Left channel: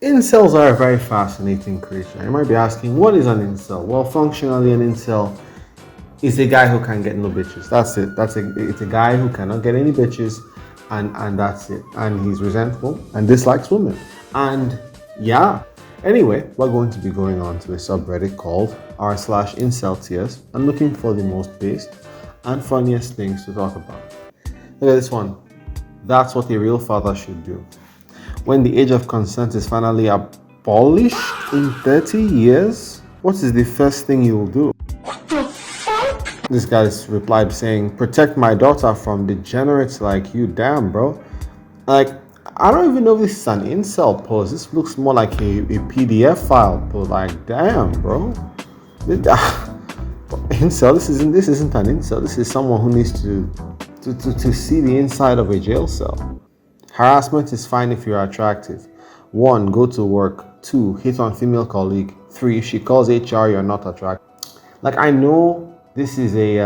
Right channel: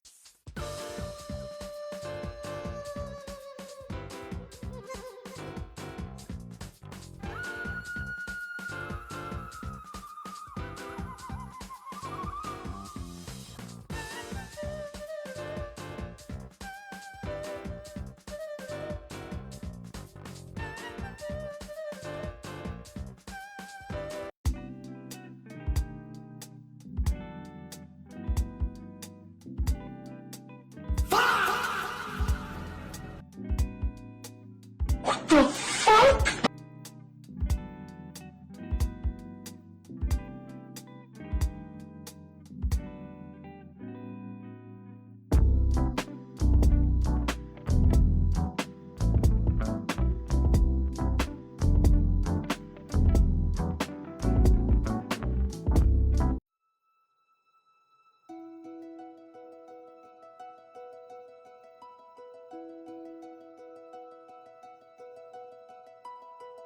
Incels are a very fascinating creature. You might be asking, what is an incel? Well, functionally, an incel is a guy who can get no bitches. That's it. It's a guy who cannot get any bitches, and that's it. And he's resentful and dislikes women. And yeah. Anyway, we're going to be going on to a subreddit called r/inceltiers and looking for the most based and funniest things to talk about. Look at this one. That's what a real father should do. When the age of consent is finally abolished in 30 years, what is the first thing you will do? This guy replied saying, protect my daughter from degenerates like you. Damn, bro. Like, I don't even know if this is an incel post. This looks more like a PDF file post. Like, damn, bro. Incel, this isn't an incel. This is someone who needs to see the inside of a jail cell. Harassment is fine if you're attractive. 1. Go to work. 2. Hit on female colleague. 3. If she calls HR, you're not attractive. Like, I know this is a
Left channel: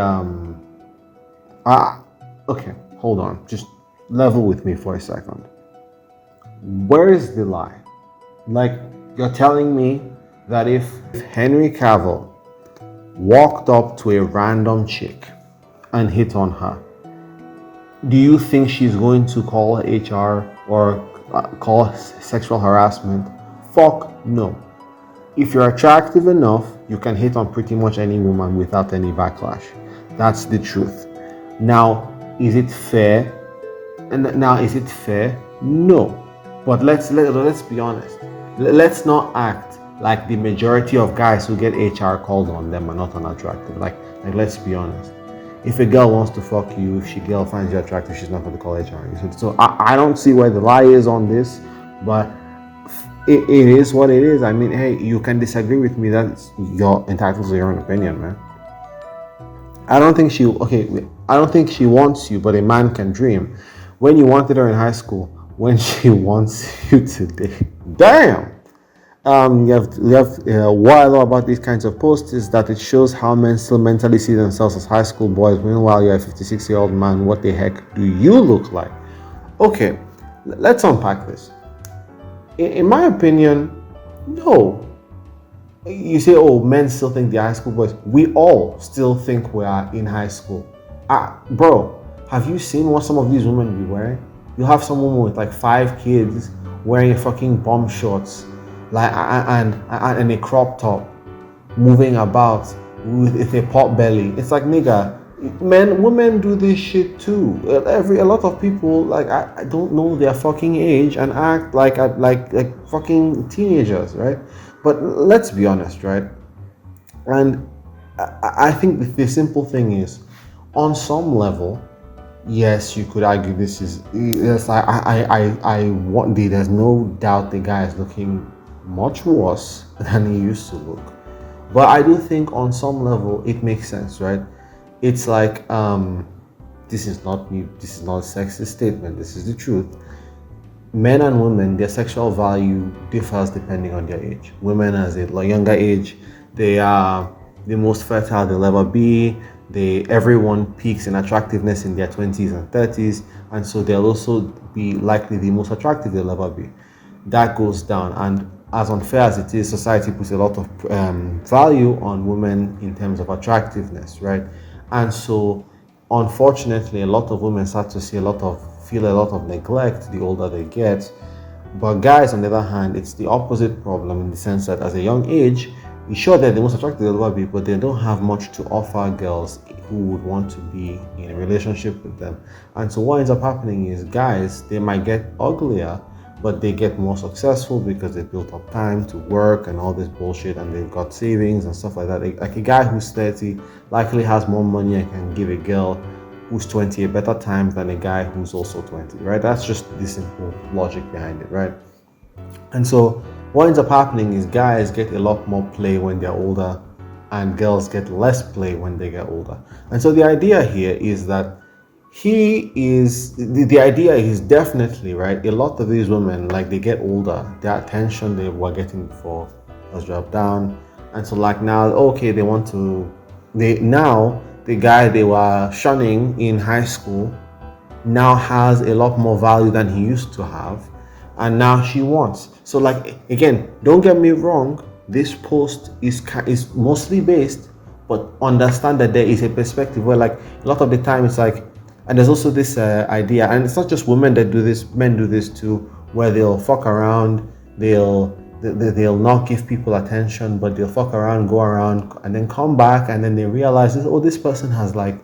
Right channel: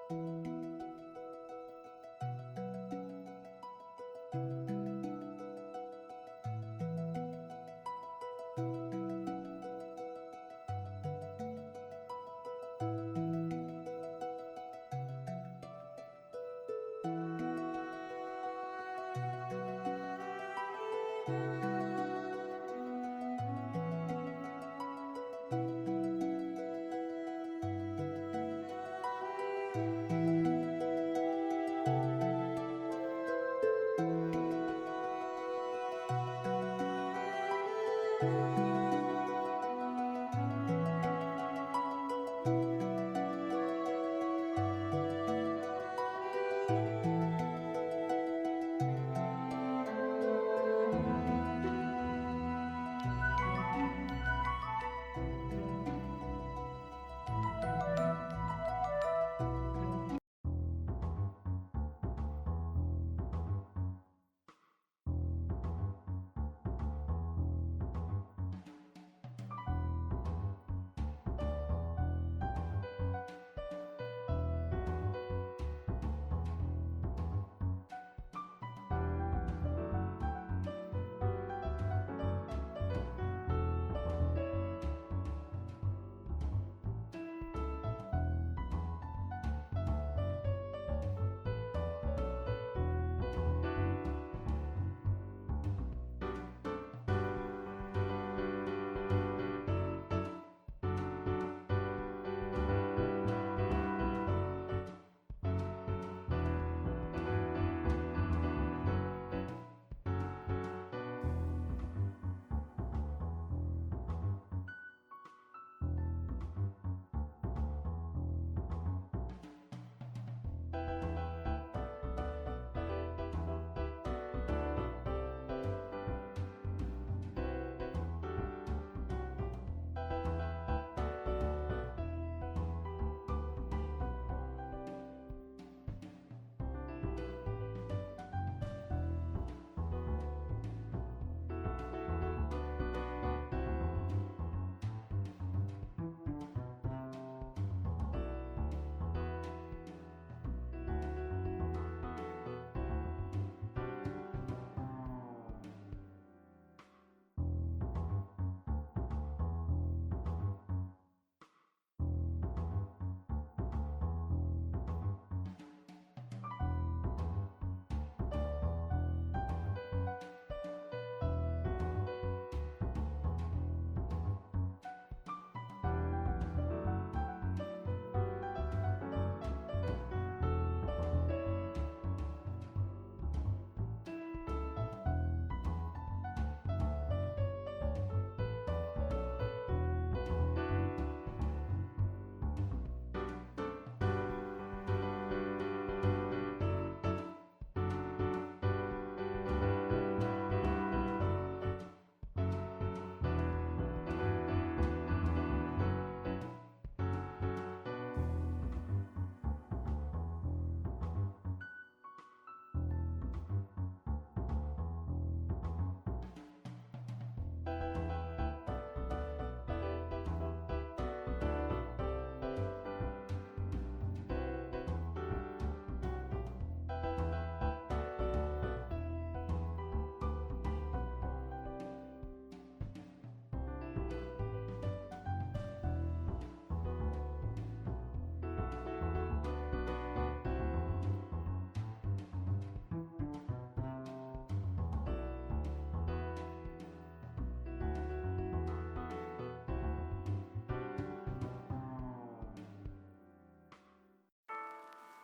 okay, hold on. Just level with me for a second. Where is the lie? Like, you're telling me that if Henry Cavill walked up to a random chick and hit on her, do you think she's going to call HR or call sexual harassment? Fuck no. If you're attractive enough, you can hit on pretty much any woman without any backlash. That's the truth. Now, is it fair? No. But let's be honest. Let's not act like the majority of guys who get HR called on them are not unattractive. Like let's be honest. If a girl wants to fuck you, if a girl finds you attractive, she's not going to call HR. So I don't see where the lie is on this, but it is what it is. I mean, hey, you can disagree with me. That's you're entitled to your own opinion, man. I don't think she wants you, but a man can dream. When you wanted her in high school, when she wants you today. Damn. What I love about these kinds of posts is that it shows how men still mentally see themselves as high school boys. Meanwhile, you're a 56-year-old man. What the heck do you look like? Okay, let's unpack this. In my opinion, no. You say, oh, men still think they're high school boys. We all still think we are in high school. Bro, have you seen what some of these women be wearing? You have some woman with like 5 kids wearing fucking bomb shorts, like and a crop top, moving about with a pot belly. It's like, nigga, women do this shit too. A lot of people, like, I don't know their fucking age and act like fucking teenagers, right? But let's be honest, right? And I think the simple thing is, on some level, yes, you could argue this is yes. I want the. There's no doubt the guy is looking much worse than he used to look. But I do think on some level it makes sense, right? It's like this is not a sexist statement. This is the truth. Men and women, their sexual value differs depending on their age. Women, as a younger age, they are the most fertile they'll ever be. Everyone peaks in attractiveness in their 20s and 30s, and so they'll also be likely the most attractive they'll ever be. That goes down, and as unfair as it is, society puts a lot of value on women in terms of attractiveness, right? And so, unfortunately, a lot of women start to feel a lot of neglect the older they get. But guys, on the other hand, it's the opposite problem in the sense that as a young age, sure they're the most attractive they'll ever be, but they don't have much to offer girls who would want to be in a relationship with them. And so what ends up happening is guys, they might get uglier, but they get more successful because they built up time to work and all this bullshit, and they've got savings and stuff like that. Like a guy who's 30 likely has more money and can give a girl who's 20 a better time than a guy who's also 20, right? That's just the simple logic behind it, right? And so what ends up happening is guys get a lot more play when they're older, and girls get less play when they get older. And so the idea here is that the idea is definitely right. A lot of these women, like, they get older, their attention they were getting before has dropped down, and so like now, okay, the guy they were shunning in high school now has a lot more value than he used to have, and now she wants. So like, again, don't get me wrong, this post is mostly based, but understand that there is a perspective where, like, a lot of the time it's like, and there's also this idea, and it's not just women that do this, men do this too, where they'll fuck around, they'll not give people attention, but they'll fuck around, go around, and then come back, and then they realize, oh, this person has like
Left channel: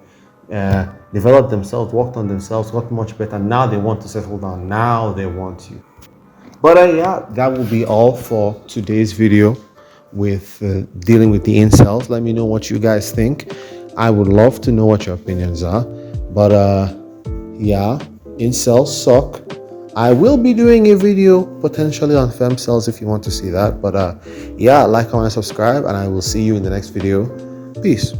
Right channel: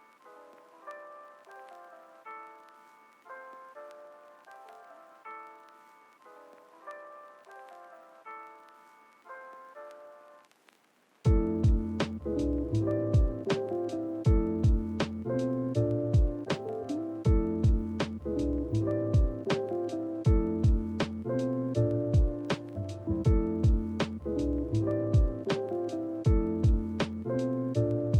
developed themselves, worked on themselves, got much better. Now they want to settle down. Now they want you. But yeah, that will be all for today's video with dealing with the incels. Let me know what you guys think. I would love to know what your opinions are. But yeah, incels suck. I will be doing a video potentially on femcells if you want to see that. But yeah, like, comment, subscribe, and I will see you in the next video. Peace.